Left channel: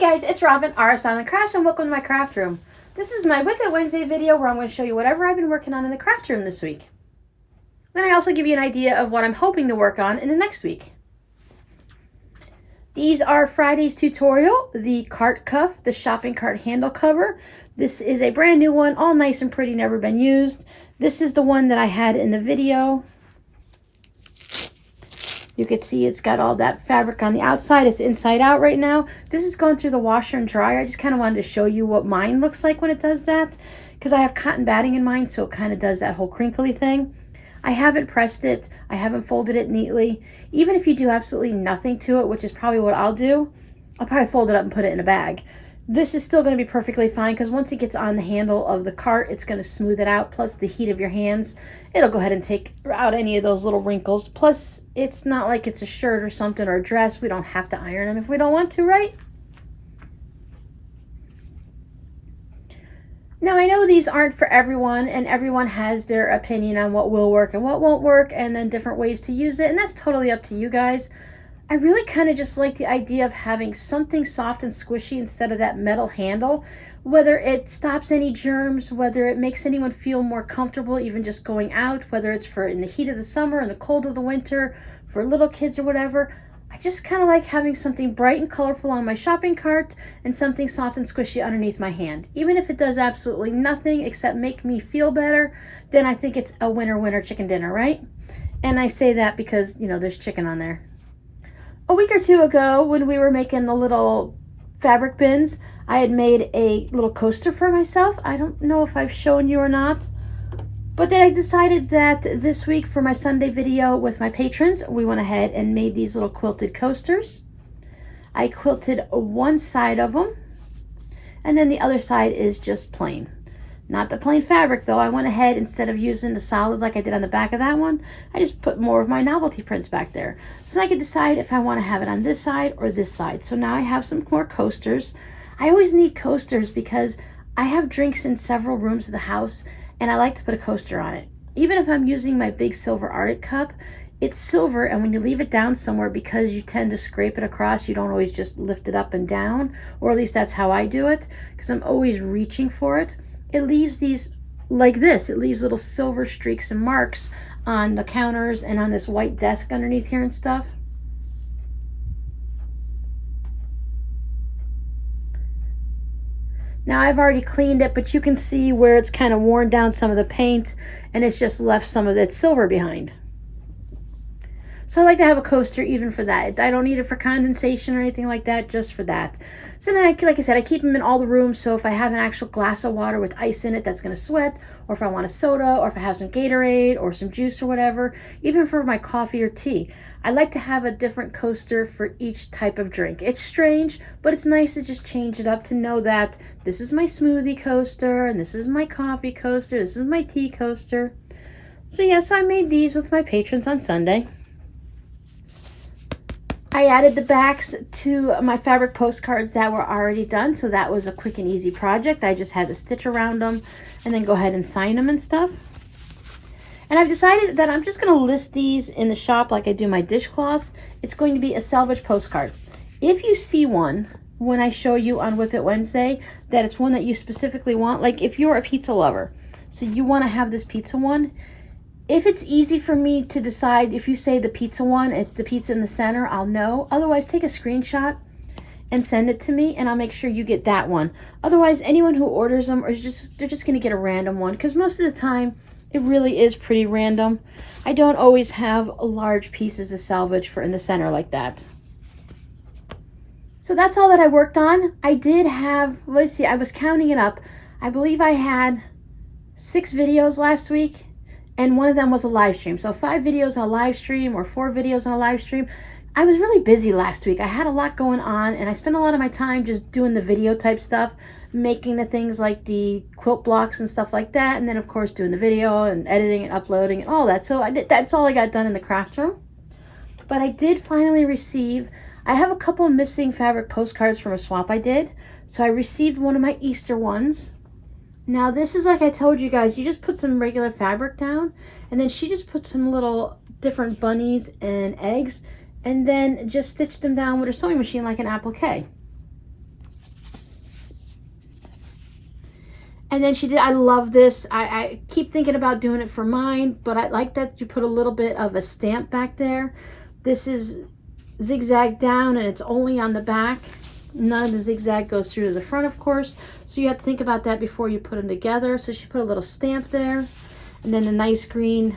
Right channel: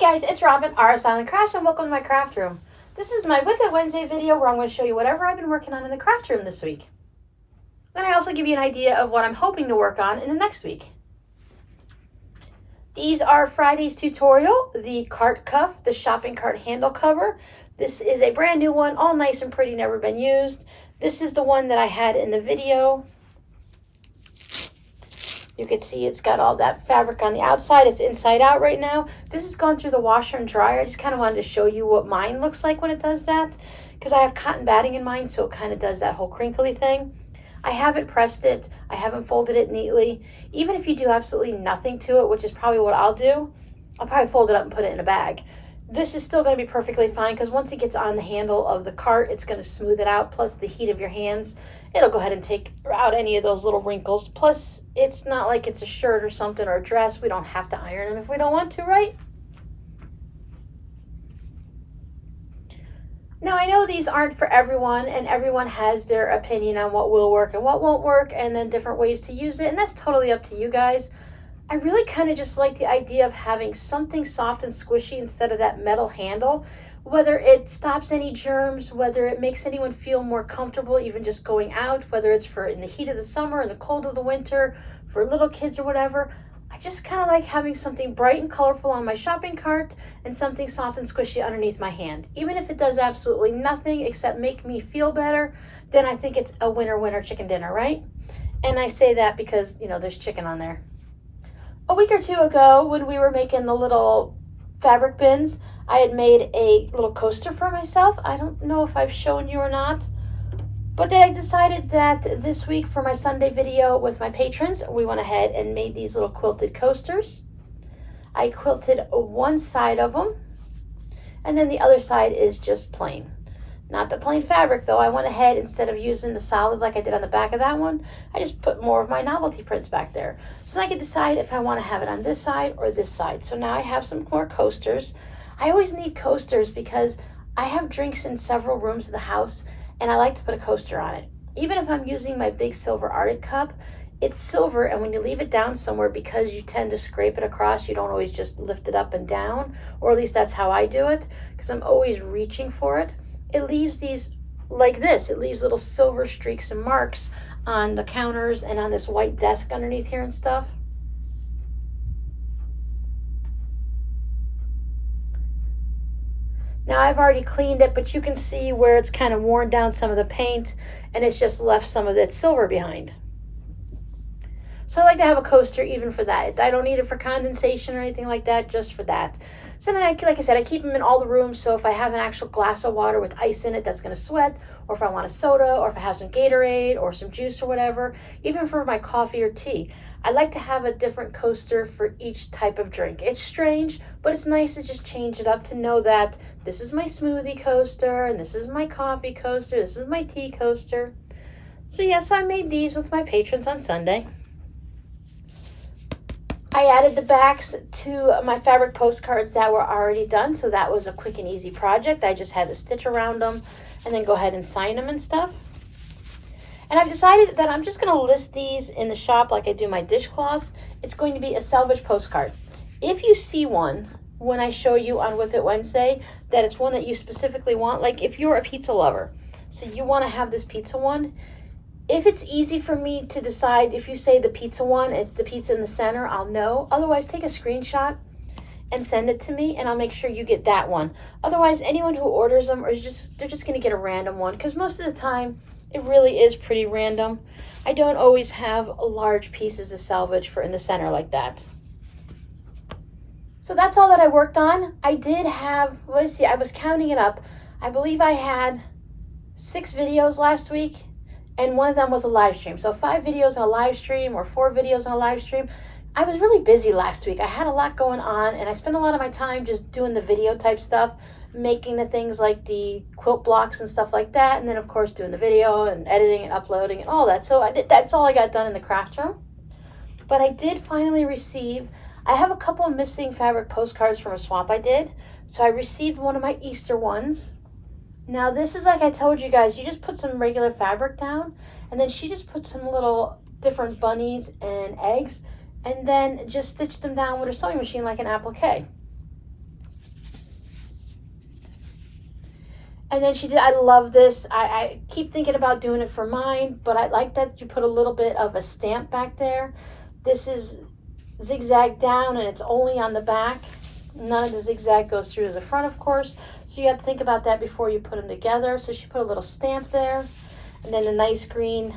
guys, it's Robin, Art Silent Crafts, and welcome to my craft room. This is my WiP It Wednesday video where I'm going to show you whatever I've been working on in the craft room this week. Then I also give you an idea of what I'm hoping to work on in the next week. These are Friday's tutorial, the cart cuff, the shopping cart handle cover. This is a brand new one, all nice and pretty, never been used. This is the one that I had in the video. You can see it's got all that fabric on the outside. It's inside out right now. This is going through the washer and dryer. I just kind of wanted to show you what mine looks like when it does that, because I have cotton batting in mine, so it kind of does that whole crinkly thing. I haven't pressed it. I haven't folded it neatly. Even if you do absolutely nothing to it, which is probably what I'll do, I'll probably fold it up and put it in a bag. This is still going to be perfectly fine because once it gets on the handle of the cart, it's going to smooth it out. Plus the heat of your hands, it'll go ahead and take out any of those little wrinkles. Plus it's not like it's a shirt or something or a dress. We don't have to iron them if we don't want to, right? Now I know these aren't for everyone, and everyone has their opinion on what will work and what won't work, and then different ways to use it, and that's totally up to you guys. I really kind of just like the idea of having something soft and squishy instead of that metal handle, whether it stops any germs, whether it makes anyone feel more comfortable even just going out, whether it's for in the heat of the summer and the cold of the winter, for little kids or whatever. I just kind of like having something bright and colorful on my shopping cart and something soft and squishy underneath my hand. Even if it does absolutely nothing except make me feel better, then I think it's a winner chicken dinner, right? And I say that because, you know, there's chicken on there. A week or two ago, when we were making the little fabric bins, I had made a little coaster for myself. I don't know if I've shown you or not, but then I decided that this week for my Sunday video with my patrons, we went ahead and made these little quilted coasters. I quilted one side of them, and then the other side is just plain. Not the plain fabric though. I went ahead, instead of using the solid like I did on the back of that one, I just put more of my novelty prints back there. So I can decide if I want to have it on this side or this side. So now I have some more coasters. I always need coasters because I have drinks in several rooms of the house and I like to put a coaster on it. Even if I'm using my big silver Arctic cup, it's silver, and when you leave it down somewhere, because you tend to scrape it across, you don't always just lift it up and down, or at least that's how I do it, because I'm always reaching for it. It leaves these like this. It leaves little silver streaks and marks on the counters and on this white desk underneath here and stuff. Now I've already cleaned it, but you can see where it's kind of worn down some of the paint and it's just left some of that silver behind. So I like to have a coaster even for that. I don't need it for condensation or anything like that, just for that. So then, like I said, I keep them in all the rooms, so if I have an actual glass of water with ice in it that's going to sweat, or if I want a soda, or if I have some Gatorade or some juice or whatever, even for my coffee or tea, I like to have a different coaster for each type of drink. It's strange, but it's nice to just change it up, to know that this is my smoothie coaster, and this is my coffee coaster, this is my tea coaster. So yeah, so I made these with my patrons on Sunday. I added the backs to my fabric postcards that were already done, so that was a quick and easy project. I just had to stitch around them and then go ahead and sign them and stuff. And I've decided that I'm just going to list these in the shop like I do my dishcloths. It's going to be a salvage postcard. If you see one when I show you on WiP It Wednesday that it's one that you specifically want, like if you're a pizza lover, so you want to have this pizza one, if it's easy for me to decide, if you say the pizza one, if the pizza in the center, I'll know. Otherwise, take a screenshot and send it to me, and I'll make sure you get that one. Otherwise, anyone who orders them, they're just going to get a random one, because most of the time, it really is pretty random. I don't always have large pieces of salvage for in the center like that. So that's all that I worked on. I did have, let's see, I was counting it up. I believe I had 6 videos last week. And one of them was a live stream. So 5 videos on a live stream or 4 videos on a live stream. I was really busy last week. I had a lot going on, and I spent a lot of my time just doing the video type stuff, making the things like the quilt blocks and stuff like that. And then of course doing the video and editing and uploading and all that. So that's all I got done in the craft room. But I did finally receive, I have a couple of missing fabric postcards from a swap I did. So I received one of my Easter ones. Now this is, like I told you guys, you just put some regular fabric down, and then she just put some little different bunnies and eggs, and then just stitch them down with a sewing machine like an applique. And then she did, I love this. I keep thinking about doing it for mine, but I like that you put a little bit of a stamp back there. This is zigzag down and it's only on the back. None of the zigzag goes through to the front, of course. So you have to think about that before you put them together. So she put a little stamp there. And then the nice green.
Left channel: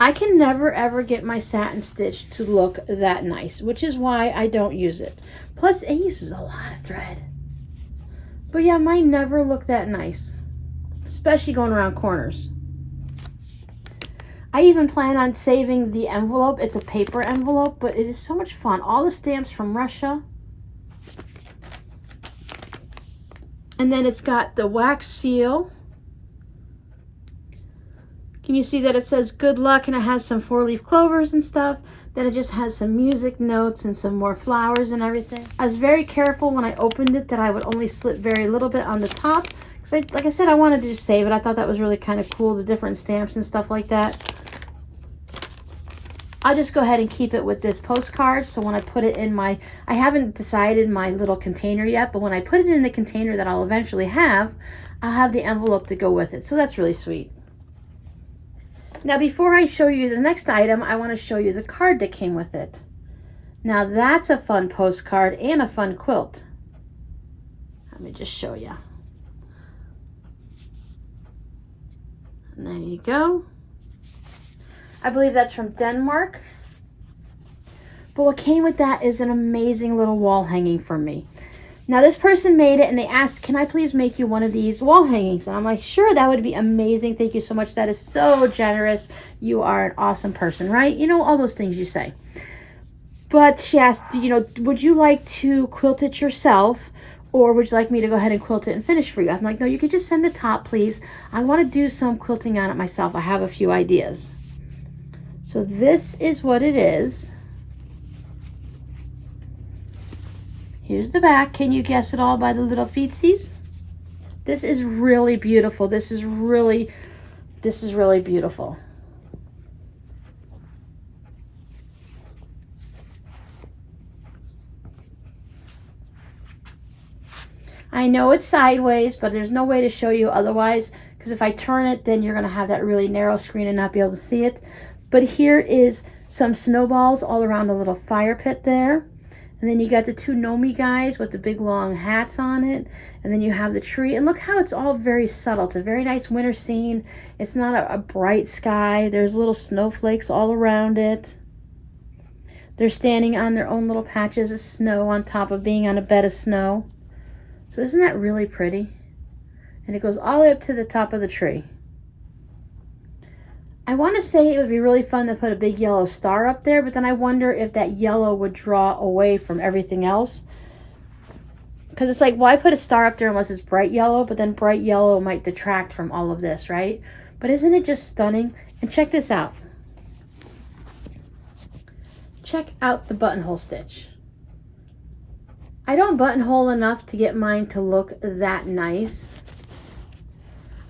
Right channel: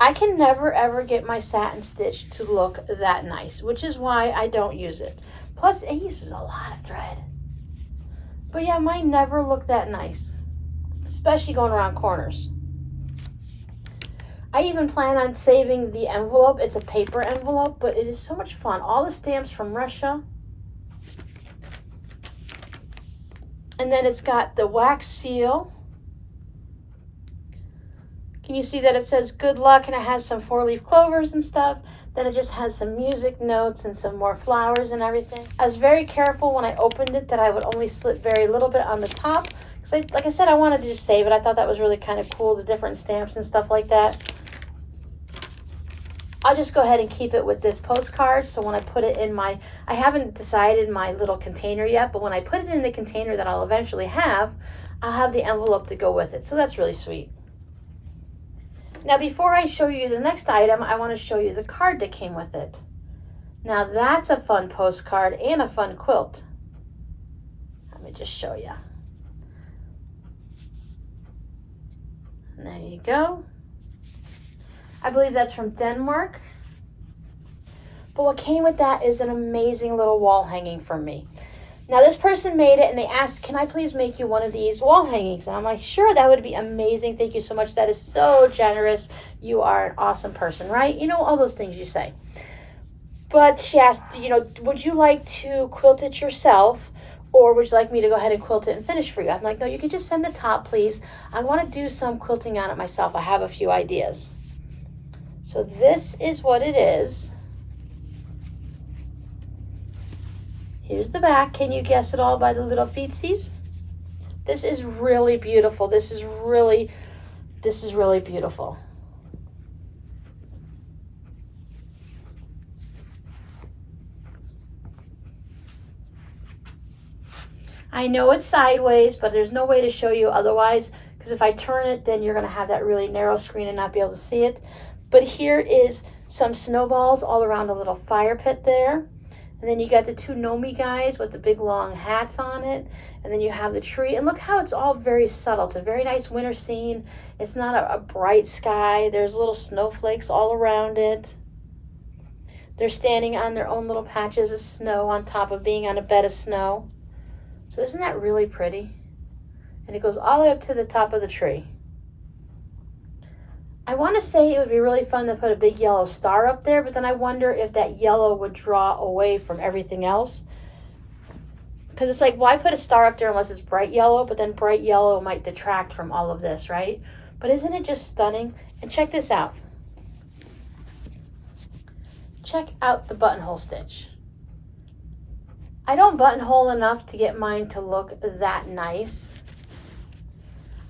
I can never ever get my satin stitch to look that nice, which is why I don't use it. Plus it uses a lot of thread. But yeah, mine never look that nice, especially going around corners. I even plan on saving the envelope. It's a paper envelope, but it is so much fun. All the stamps from Russia. And then it's got the wax seal. Can you see that it says good luck and it has some 4-leaf clovers and stuff? Then it just has some music notes and some more flowers and everything. I was very careful when I opened it that I would only slip very little bit on the top. Because like I said, I wanted to just save it. I thought that was really kind of cool, the different stamps and stuff like that. I'll just go ahead and keep it with this postcard. So when I put it in my, I haven't decided my little container yet, but when I put it in the container that I'll eventually have, I'll have the envelope to go with it. So that's really sweet. Now before I show you the next item, I want to show you the card that came with it. Now that's a fun postcard and a fun quilt. Let me just show you. And there you go. I believe that's from Denmark. But what came with that is an amazing little wall hanging from me. Now this person made it and they asked, can I please make you one of these wall hangings? And I'm like, sure, that would be amazing. Thank you so much. That is so generous. You are an awesome person, right? You know, all those things you say. But she asked, you know, would you like to quilt it yourself? Or would you like me to go ahead and quilt it and finish for you? I'm like, no, you can just send the top, please. I want to do some quilting on it myself. I have a few ideas. So this is what it is. Here's the back. Can you guess it all by the little feetsies? This is really beautiful. This is really beautiful. I know it's sideways, but there's no way to show you otherwise, because if I turn it, then you're gonna have that really narrow screen and not be able to see it. But here is some snowballs all around a little fire pit there. And then you got the two Gnomes guys with the big long hats on it. And then you have the tree. And look how it's all very subtle. It's a very nice winter scene. It's not a bright sky. There's little snowflakes all around it. They're standing on their own little patches of snow on top of being on a bed of snow. So isn't that really pretty? And it goes all the way up to the top of the tree. I want to say it would be really fun to put a big yellow star up there, but then I wonder if that yellow would draw away from everything else. Because it's like, why put a star up there unless it's bright yellow? But then bright yellow might detract from all of this, right? But isn't it just stunning? And check this out. Check out the buttonhole stitch. I don't buttonhole enough to get mine to look that nice.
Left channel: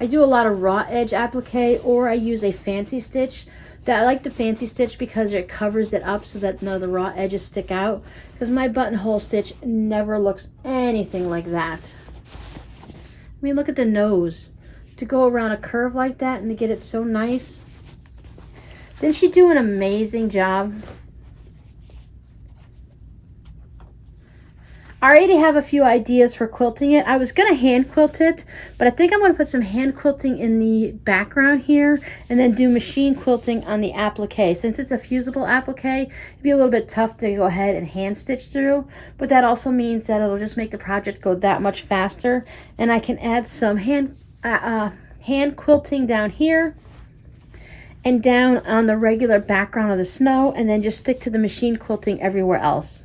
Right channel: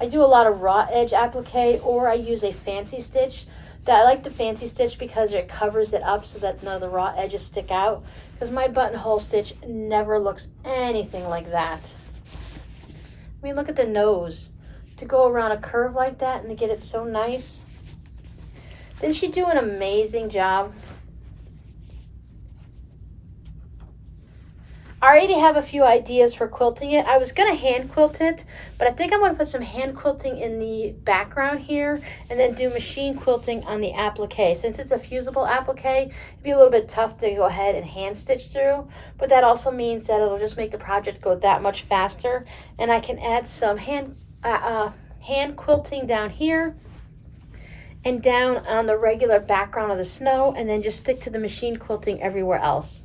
I do a lot of raw edge applique, or I use a fancy stitch. I like the fancy stitch because it covers it up so that none of the raw edges stick out. Because my buttonhole stitch never looks anything like that. I mean, look at the nose. To go around a curve like that and to get it so nice. Didn't she do an amazing job? I already have a few ideas for quilting it. I was going to hand quilt it, but I think I'm going to put some hand quilting in the background here and then do machine quilting on the applique. Since it's a fusible applique, it'd be a little bit tough to go ahead and hand stitch through, but that also means that it'll just make the project go that much faster. And I can add some hand quilting down here and down on the regular background of the snow, and then just stick to the machine quilting everywhere else.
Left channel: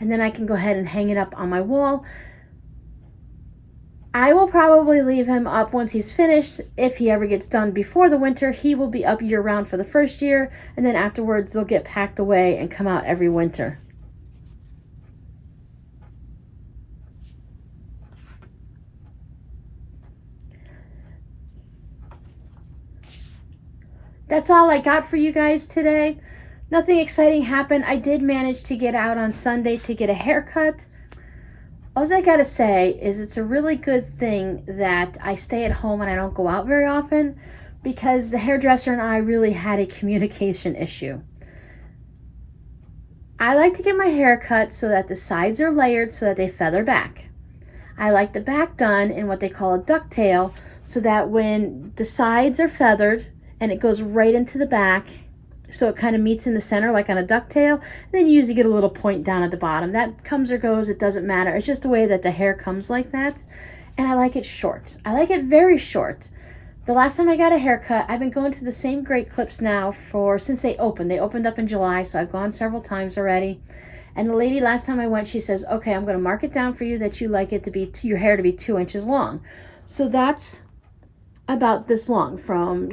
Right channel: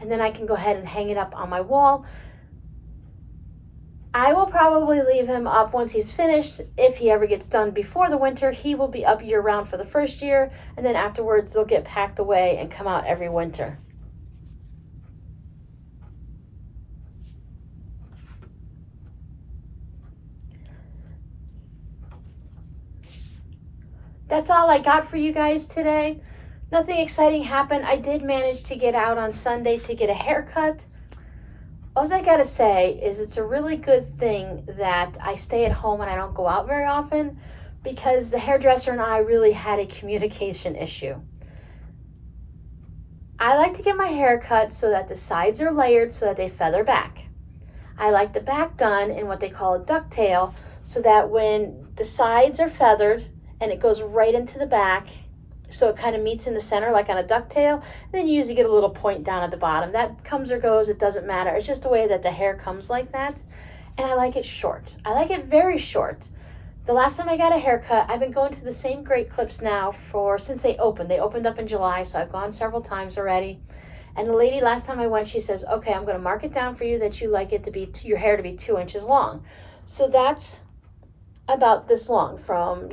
And then I can go ahead and hang it up on my wall. I will probably leave him up once he's finished. If he ever gets done before the winter, he will be up year-round for the first year, and then afterwards they'll get packed away and come out every winter. That's all I got for you guys today. Nothing exciting happened. I did manage to get out on Sunday to get a haircut. All I gotta say is it's a really good thing that I stay at home and I don't go out very often, because the hairdresser and I really had a communication issue. I like to get my hair cut so that the sides are layered so that they feather back. I like the back done in what they call a ducktail, so that when the sides are feathered and it goes right into the back, so it kind of meets in the center like on a ducktail, and then you usually get a little point down at the bottom. That comes or goes, it doesn't matter. It's just the way that the hair comes like that. And I like it short. I like it very short. The last time I got a haircut, I've been going to the same Great Clips now since they opened. They opened up in July, so I've gone several times already. And the lady last time I went, she says, okay, I'm going to mark it down for you that you like it to be, your hair to be 2 inches long. So that's about this long, from,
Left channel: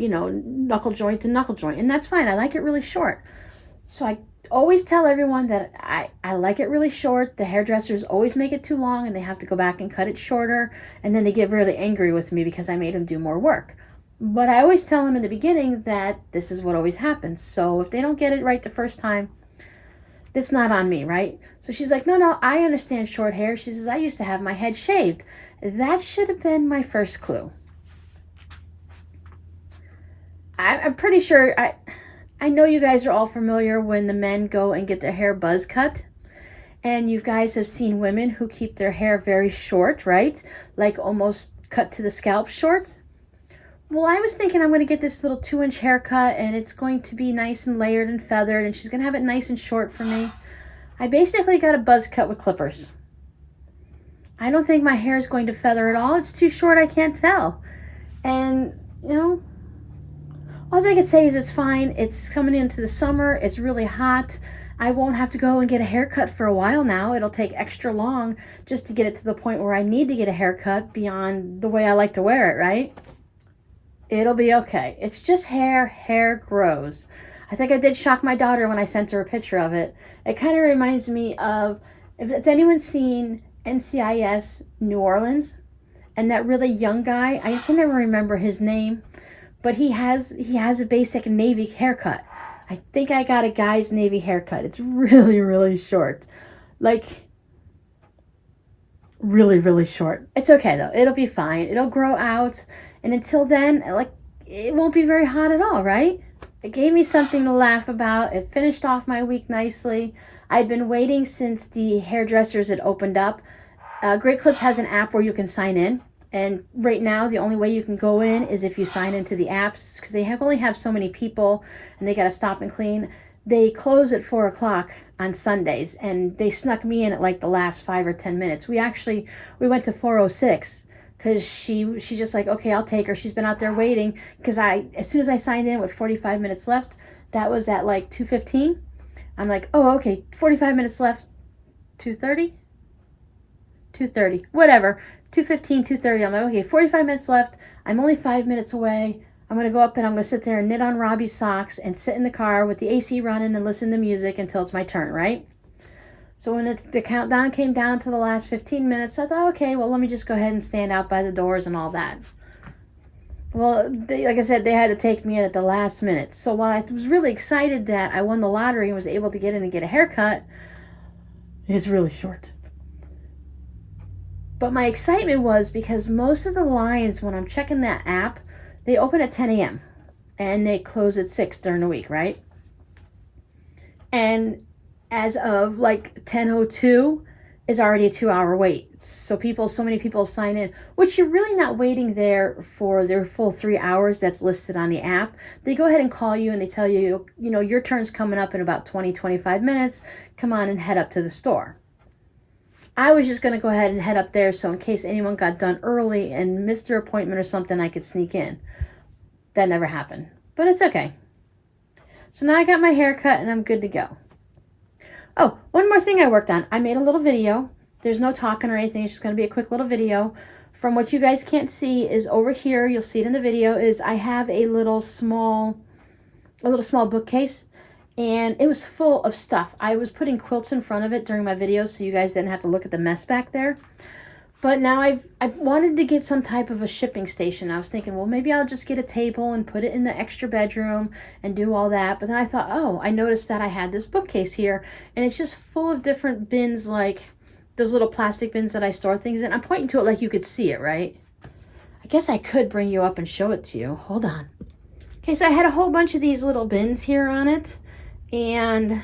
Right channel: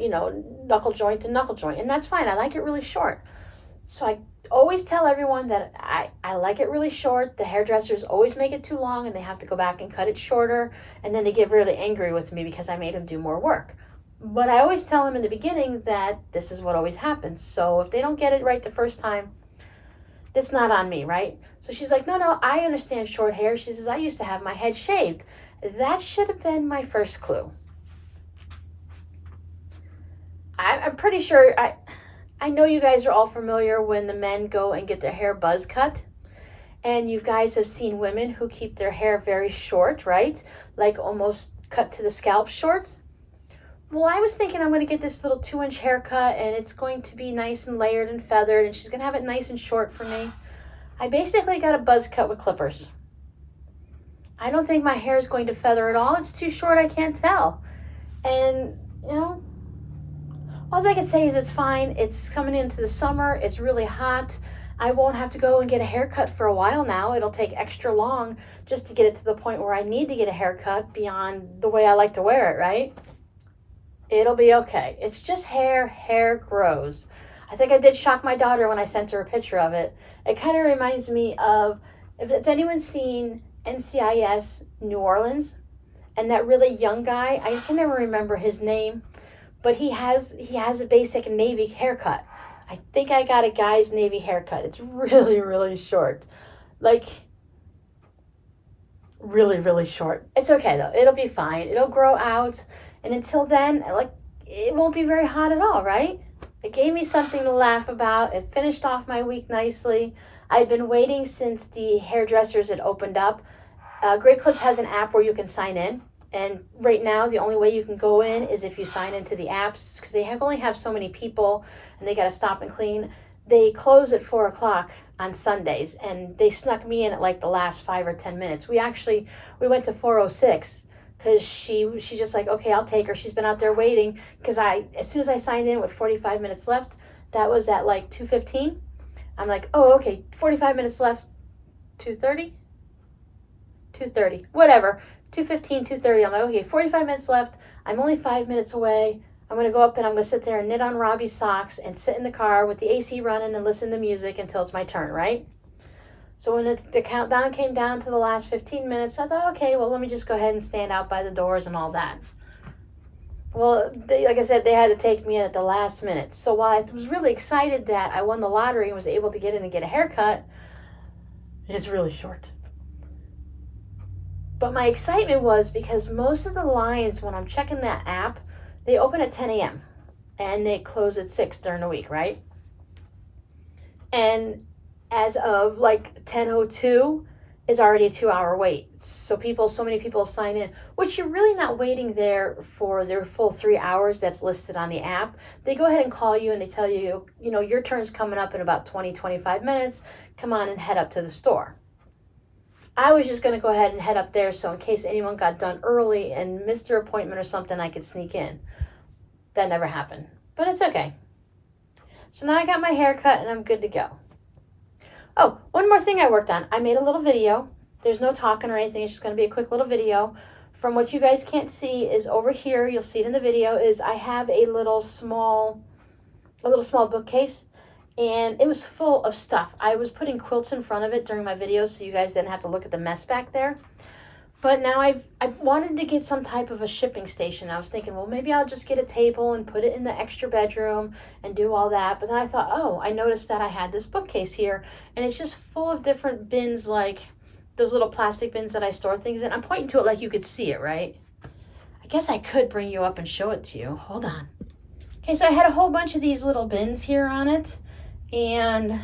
knuckle joint to knuckle joint. And that's fine. I like it really short. So I always tell everyone that I like it really short. The hairdressers always make it too long and they have to go back and cut it shorter. And then they get really angry with me because I made them do more work. But I always tell them in the beginning that this is what always happens. So if they don't get it right the first time, it's not on me, right? So she's like, no, I understand short hair. She says, I used to have my head shaved. That should have been my first clue. I'm pretty sure, I know you guys are all familiar when the men go and get their hair buzz cut. And you guys have seen women who keep their hair very short, right? Like almost cut to the scalp short. Well, I was thinking I'm going to get this little 2-inch haircut and it's going to be nice and layered and feathered and she's going to have it nice and short for me. I basically got a buzz cut with clippers. I don't think my hair is going to feather at all. It's too short, I can't tell. And, all I can say is it's fine. It's coming into the summer. It's really hot. I won't have to go and get a haircut for a while now. It'll take extra long just to get it to the point where I need to get a haircut beyond the way I like to wear it, right? It'll be okay. It's just hair. Hair grows. I think I did shock my daughter when I sent her a picture of it. It kind of reminds me of, if it's anyone seen NCIS New Orleans, and that really young guy, I can never remember his name, but he has a basic Navy haircut. I think I got a guy's Navy haircut. It's really, really short. Like, really, really short. It's okay though. It'll be fine. It'll grow out. And until then, it won't be very hot at all, right? It gave me something to laugh about. It finished off my week nicely. I'd been waiting since the hairdressers had opened up. Great Clips has an app where you can sign in. And right now, the only way you can go in is if you sign into the apps, because they only have so many people and they got to stop and clean. They close at 4 o'clock on Sundays, and they snuck me in at like the last 5 or 10 minutes. We went to 4:06 because she's just like, okay, I'll take her. She's been out there waiting, because as soon as I signed in with 45 minutes left, that was at like 2:15. I'm like, oh, okay, 45 minutes left, 2:30, whatever. 2:15, 2:30. I'm like, okay, 45 minutes left. I'm only 5 minutes away. I'm going to go up and I'm going to sit there and knit on Robbie's socks and sit in the car with the AC running and listen to music until it's my turn, right? So when the countdown came down to the last 15 minutes, I thought, okay, well, let me just go ahead and stand out by the doors and all that. Well, like I said, they had to take me in at the last minute. So while I was really excited that I won the lottery and was able to get in and get a haircut, it's really short. But my excitement was because most of the lines, when I'm checking that app, they open at 10 a.m. and they close at 6 during the week, right? And as of like 10:02 is already a 2-hour wait. So many people sign in, which you're really not waiting there for their full 3 hours that's listed on the app. They go ahead and call you and they tell you, your turn's coming up in about 20-25 minutes. Come on and head up to the store. I was just going to go ahead and head up there so in case anyone got done early and missed their appointment or something, I could sneak in. That never happened. But it's okay. So now I got my hair cut and I'm good to go. Oh, one more thing I worked on. I made a little video. There's no talking or anything. It's just going to be a quick little video. From what you guys can't see is over here, you'll see it in the video, is I have a little small bookcase. And it was full of stuff. I was putting quilts in front of it during my videos so you guys didn't have to look at the mess back there. But now I wanted to get some type of a shipping station. I was thinking, well, maybe I'll just get a table and put it in the extra bedroom and do all that. But then I thought, oh, I noticed that I had this bookcase here. And it's just full of different bins like those little plastic bins that I store things in. I'm pointing to it like you could see it, right? I guess I could bring you up and show it to you. Hold on. Okay, so I had a whole bunch of these little bins here on it, and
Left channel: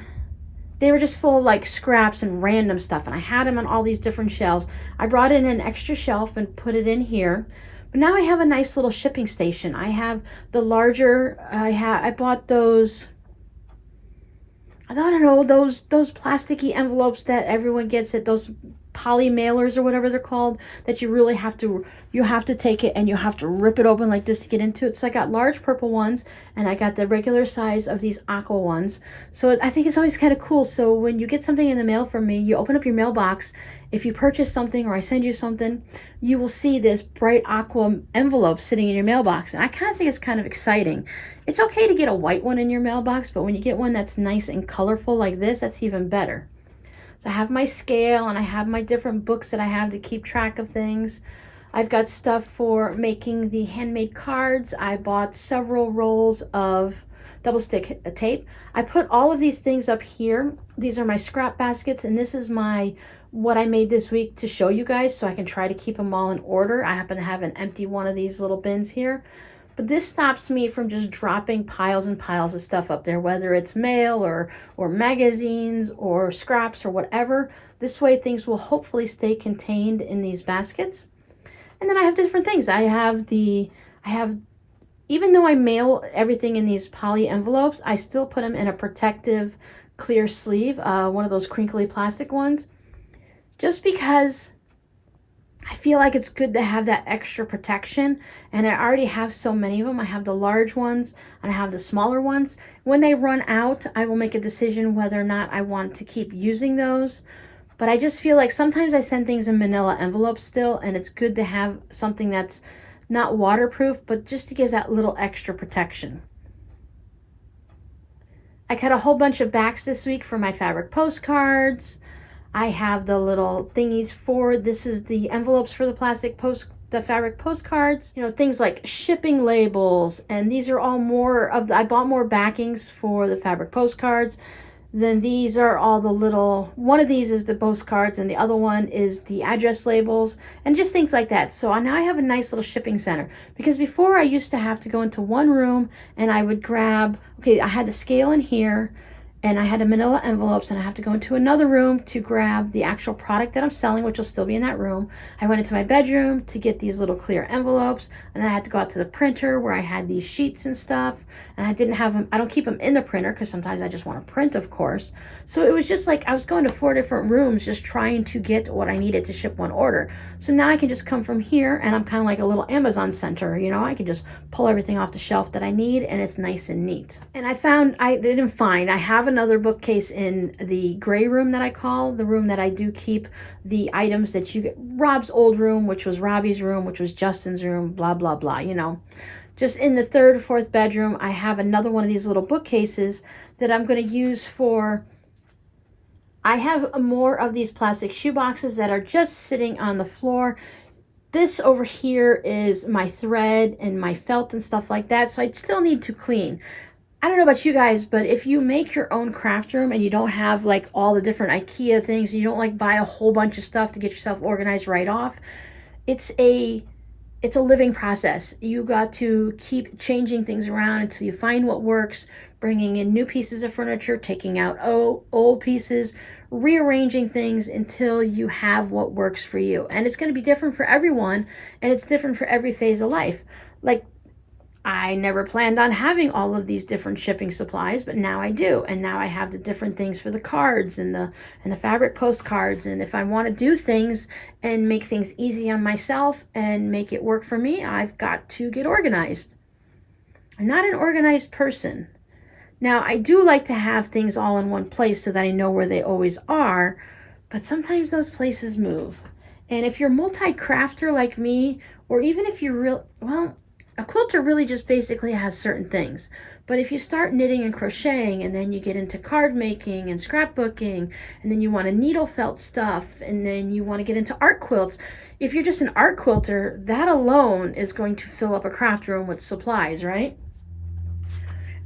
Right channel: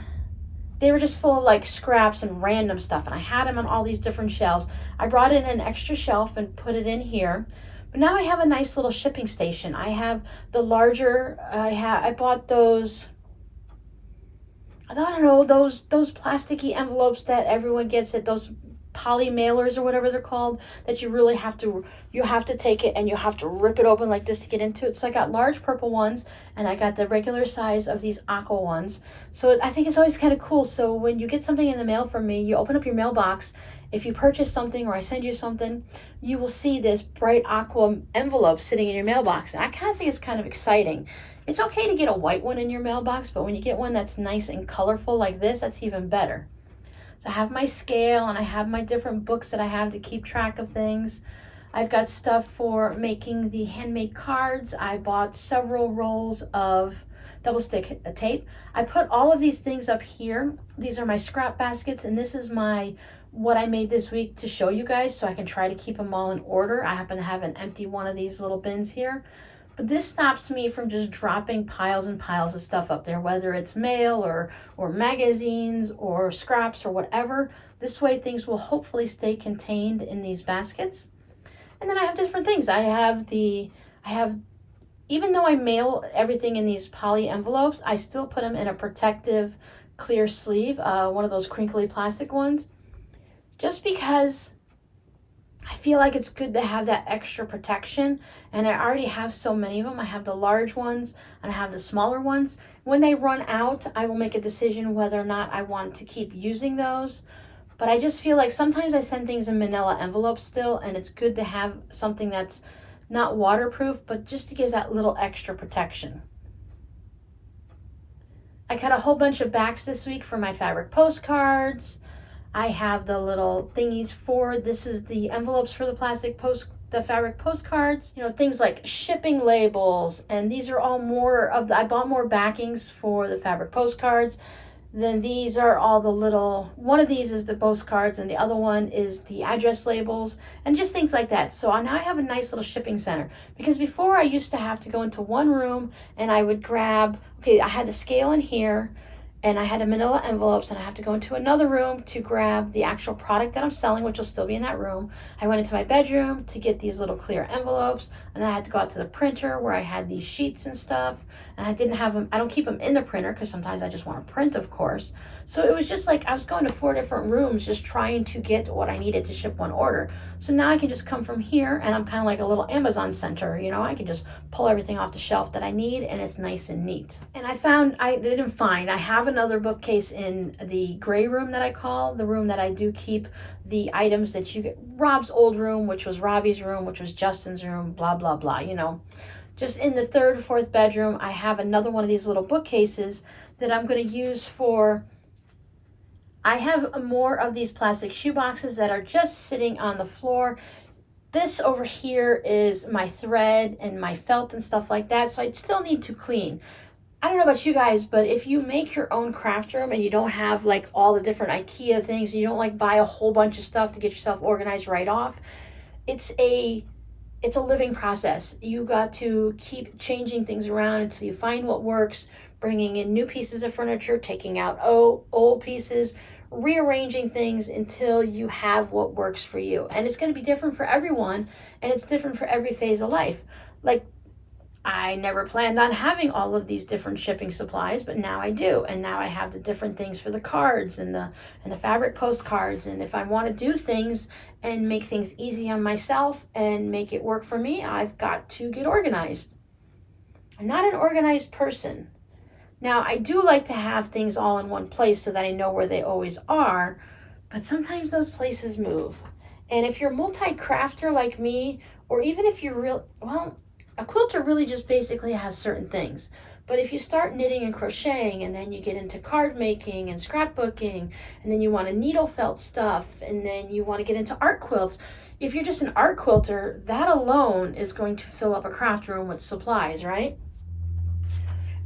they were just full of like scraps and random stuff, and I had them on all these different shelves. I brought in an extra shelf and put it in here. But now I have a nice little shipping station. I have the larger, I bought those, I don't know, those plasticky envelopes that everyone gets at those poly mailers or whatever they're called, that you really have to, you have to take it and you have to rip it open like this to get into it. So I got large purple ones, and I got the regular size of these aqua ones. So I think it's always kind of cool. So when you get something in the mail from me, you open up your mailbox. If you purchase something or I send you something, you will see this bright aqua envelope sitting in your mailbox. And I kind of think it's kind of exciting. It's okay to get a white one in your mailbox, but when you get one that's nice and colorful like this, that's even better. So I have my scale, and I have my different books that I have to keep track of things. I've got stuff for making the handmade cards. I bought several rolls of double stick tape. I put all of these things up here. These are my scrap baskets, and this is what I made this week to show you guys, so I can try to keep them all in order. I happen to have an empty one of these little bins here. But this stops me from just dropping piles and piles of stuff up there, whether it's mail or magazines or scraps or whatever. This way things will hopefully stay contained in these baskets. And then I have different things. Even though I mail everything in these poly envelopes, I still put them in a protective clear sleeve, one of those crinkly plastic ones, just because I feel like it's good to have that extra protection, and I already have so many of them. I have the large ones and I have the smaller ones. When they run out, I will make a decision whether or not I want to keep using those. But I just feel like sometimes I send things in manila envelopes still, and it's good to have something that's not waterproof, but just to give that little extra protection. I cut a whole bunch of backs this week for my fabric postcards. I have the little thingies this is the envelopes for the fabric postcards, things like shipping labels, and these are all I bought more backings for the fabric postcards. Then these are all the little, one of these is the postcards and the other one is the address labels and just things like that. So now I have a nice little shipping center, because before I used to have to go into one room and I would grab, I had the scale in here, and I had a manila envelopes, and I have to go into another room to grab the actual product that I'm selling, which will still be in that room. I went into my bedroom to get these little clear envelopes, and I had to go out to the printer where I had these sheets and stuff, and I don't keep them in the printer because sometimes I just want to print, of course. So it was just like I was going to 4 different rooms just trying to get what I needed to ship one order. So now I can just come from here, and I'm kind of like a little Amazon center, I can just pull everything off the shelf that I need, and it's nice and neat. And I have another bookcase in the gray room that I call the room that I do keep the items that you get. Rob's old room, which was Robbie's room, which was Justin's room, blah, blah, blah, Just in the 3rd, 4th bedroom, I have another one of these little bookcases that I'm going to use I have more of these plastic shoe boxes that are just sitting on the floor. This over here is my thread and my felt and stuff like that, so I still need to clean. I don't know about you guys, but if you make your own craft room and you don't have like all the different IKEA things, you don't like buy a whole bunch of stuff to get yourself organized right off, it's a living process. You got to keep changing things around until you find what works, bringing in new pieces of furniture, taking out old pieces, rearranging things until you have what works for you. And it's going to be different for everyone, and it's different for every phase of life. Like, I never planned on having all of these different shipping supplies, but now I do. And now I have the different things for the cards and the fabric postcards. And if I want to do things and make things easy on myself and make it work for me, I've got to get organized. I'm not an organized person. Now, I do like to have things all in one place so that I know where they always are, but sometimes those places move. And if you're a multi-crafter like me, or even if you're a quilter really just basically has certain things. But if you start knitting and crocheting, and then you get into card making and scrapbooking, and then you want to needle felt stuff, and then you want to get into art quilts, if you're just an art quilter, that alone is going to fill up a craft room with supplies, right?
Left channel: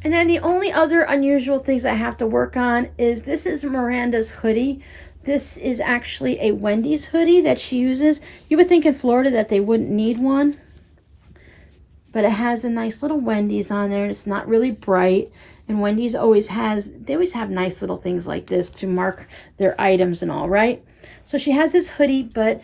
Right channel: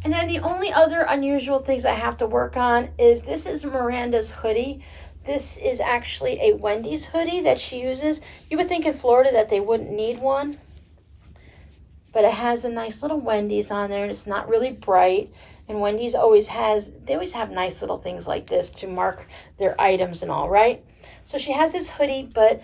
And then the only other unusual things I have to work on is this is Miranda's hoodie This is actually a Wendy's hoodie that she uses. You would think in Florida that they wouldn't need one, but it has a nice little Wendy's on there, and it's not really bright. And Wendy's always have nice little things like this to mark their items and all, right? So she has this hoodie, but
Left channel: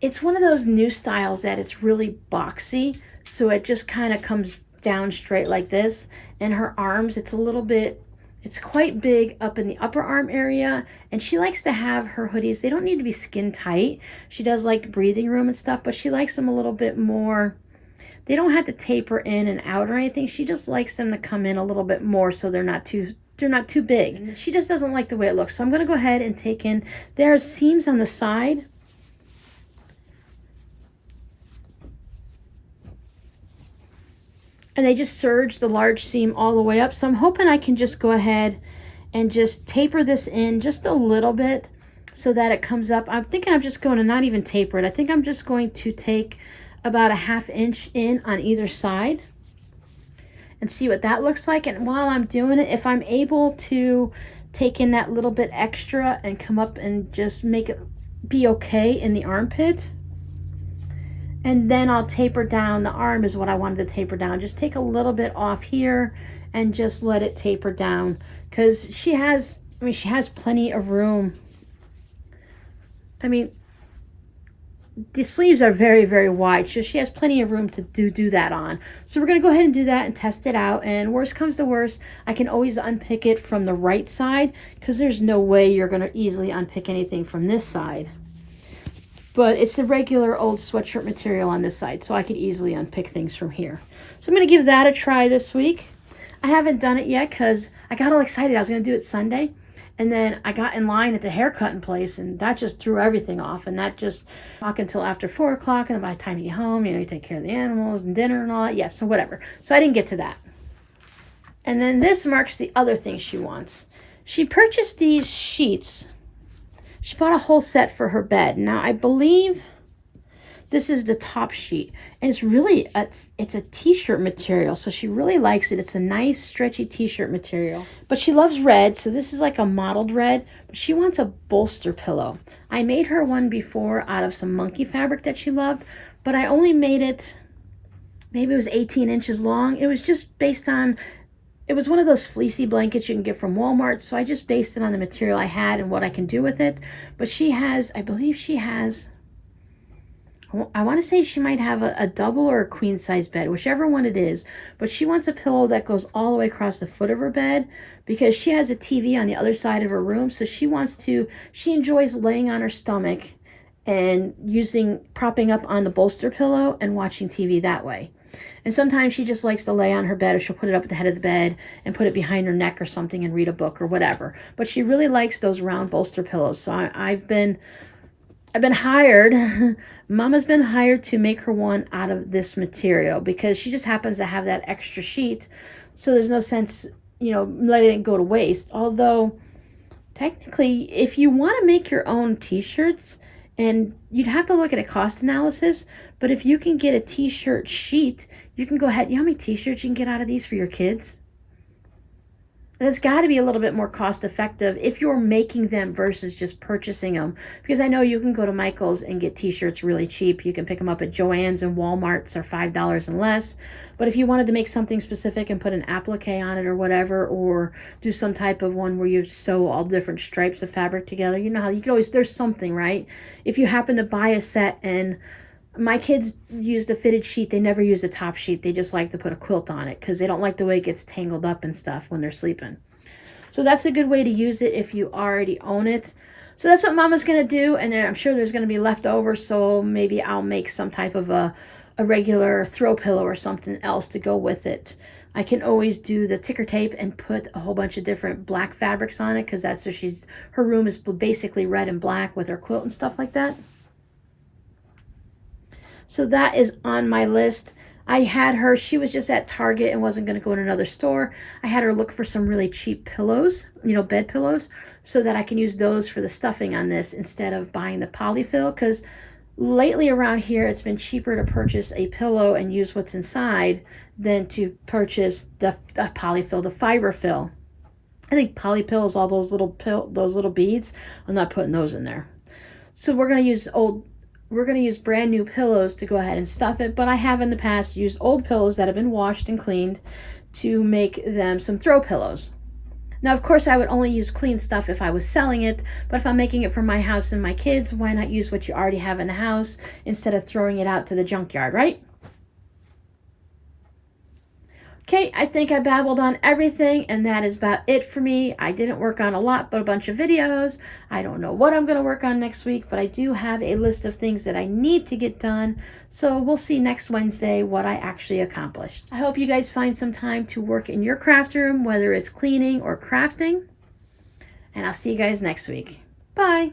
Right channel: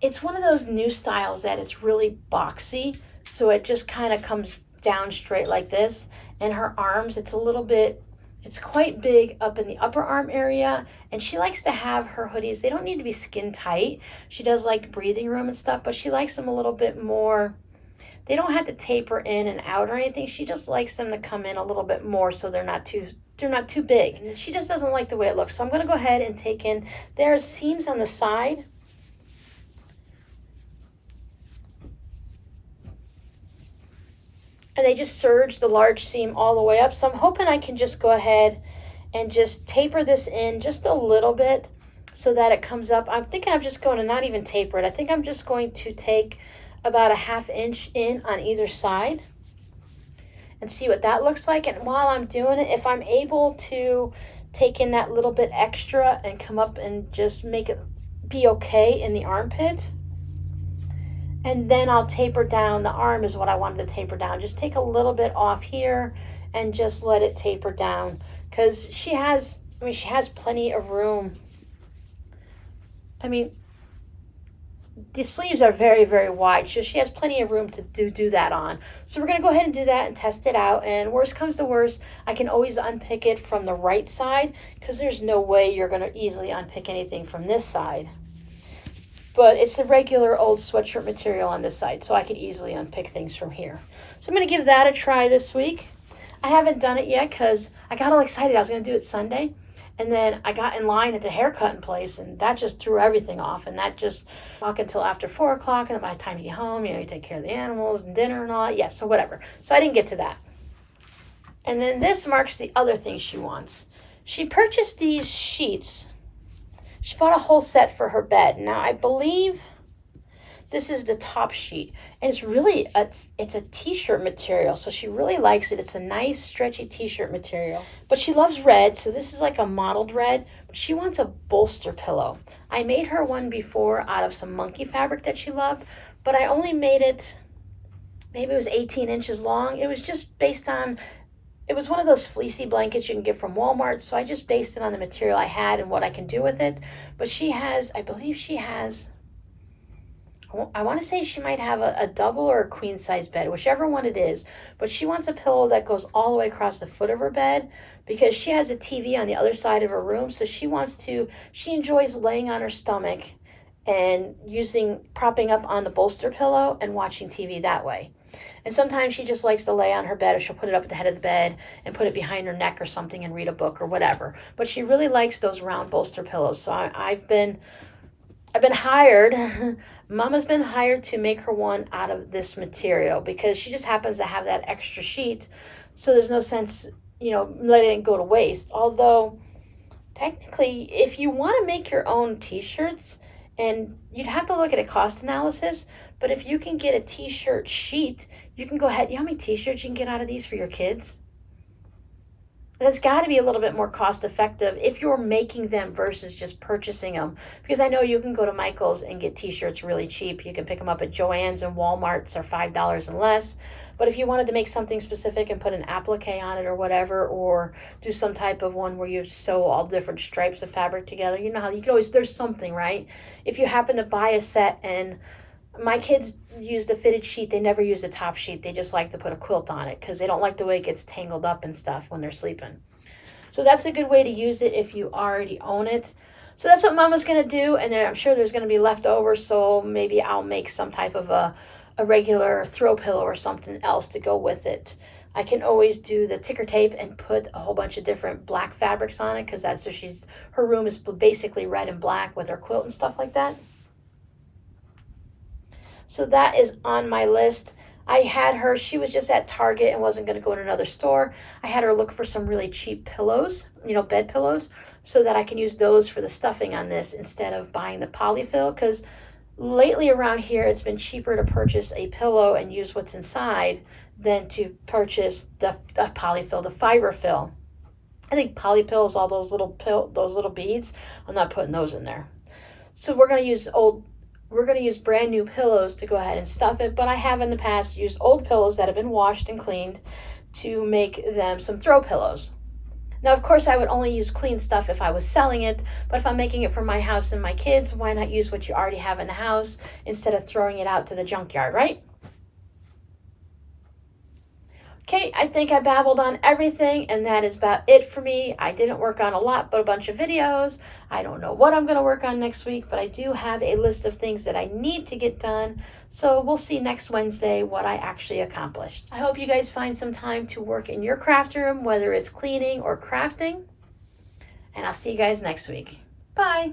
it's one of those new styles that it's really boxy. So it just kind of comes down straight like this. And her arms, it's quite big up in the upper arm area. And she likes to have her hoodies, they don't need to be skin tight. She does like breathing room and stuff, but she likes them a little bit more. They don't have to taper in and out or anything. She just likes them to come in a little bit more so they're not too big. She just doesn't like the way it looks. So I'm going to go ahead and take in, there's seams on the side. And they just serge the large seam all the way up. So I'm hoping I can just go ahead and just taper this in just a little bit so that it comes up. I'm thinking I'm just going to not even taper it. I think I'm just going to take about a 1/2 inch in on either side and see what that looks like. And while I'm doing it, if I'm able to take in that little bit extra and come up and just make it be okay in the armpit, and then I'll taper down. The arm is what I wanted to taper down. Just take a little bit off here and just let it taper down, because she has plenty of room. I mean, the sleeves are very, very wide, so she has plenty of room to do that on. So we're going to go ahead and do that and test it out. And worst comes to worst, I can always unpick it from the right side, because there's no way you're going to easily unpick anything from this side. But it's the regular old sweatshirt material on this side, so I could easily unpick things from here. So I'm going to give that a try this week. I haven't done it yet because I got all excited. I was going to do it Sunday. And then I got in line at the haircutting place, and that just threw everything off. And that just walk until after 4 o'clock. And by the time you get home, you take care of the animals and dinner and all that. Yeah, so whatever. So I didn't get to that. And then this marks the other thing she wants. She purchased these sheets. She bought a whole set for her bed. Now I believe this is the top sheet, and it's a t-shirt material, so she really likes it. It's a nice stretchy t-shirt material, but she loves red, so this is like a mottled red, but she wants a bolster pillow. I made her one before out of some monkey fabric that she loved, but I only made it, maybe it was 18 inches long. It was just based on, it was one of those fleecy blankets you can get from Walmart, so I just based it on the material I had and what I can do with it. But she has, I believe she has, I want to say she might have a double or a queen size bed, whichever one it is. But she wants a pillow that goes all the way across the foot of her bed, because she has a TV on the other side of her room. So she enjoys laying on her stomach and propping up on the bolster pillow and watching TV that way. And sometimes she just likes to lay on her bed, or she'll put it up at the head of the bed and put it behind her neck or something and read a book or whatever. But she really likes those round bolster pillows. So I've been hired, Mama's been hired to make her one out of this material, because she just happens to have that extra sheet. So there's no sense, letting it go to waste. Although, technically, if you want to make your own t-shirts, and you'd have to look at a cost analysis, but if you can get a t-shirt sheet, you can go ahead. You know how many t-shirts you can get out of these for your kids? That's got to be a little bit more cost effective if you're making them versus just purchasing them. Because I know you can go to Michael's and get t-shirts really cheap. You can pick them up at Joann's and Walmart's, are $5 and less. But if you wanted to make something specific and put an applique on it or whatever, or do some type of one where you sew all different stripes of fabric together, you know how you can always, there's something, right? If you happen to buy a set, and my kids used a fitted sheet, they never use a top sheet. They just like to put a quilt on it because they don't like the way it gets tangled up and stuff when they're sleeping. So that's a good way to use it if you already own it. So that's what Mama's going to do, and I'm sure there's going to be leftovers, so maybe I'll make some type of a regular throw pillow or something else to go with it. I can always do the ticker tape and put a whole bunch of different black fabrics on it, because that's what her room is basically red and black with her quilt and stuff like that. So that is on my list. I had her, she was just at Target and wasn't going to go in another store. I had her look for some really cheap pillows, bed pillows, so that I can use those for the stuffing on this instead of buying the polyfill, because lately around here it's been cheaper to purchase a pillow and use what's inside than to purchase the polyfill, the fiber fill. I think poly pills, all those little beads, I'm not putting those in there. So we're going to use brand new pillows to go ahead and stuff it, but I have in the past used old pillows that have been washed and cleaned to make them some throw pillows. Now, of course, I would only use clean stuff if I was selling it, but if I'm making it for my house and my kids, why not use what you already have in the house instead of throwing it out to the junkyard, right? Okay, I think I babbled on everything, and that is about it for me. I didn't work on a lot, but a bunch of videos. I don't know what I'm going to work on next week, but I do have a list of things that I need to get done. So we'll see next Wednesday what I actually accomplished. I hope you guys find some time to work in your craft room, whether it's cleaning or crafting. And I'll see you guys next week. Bye.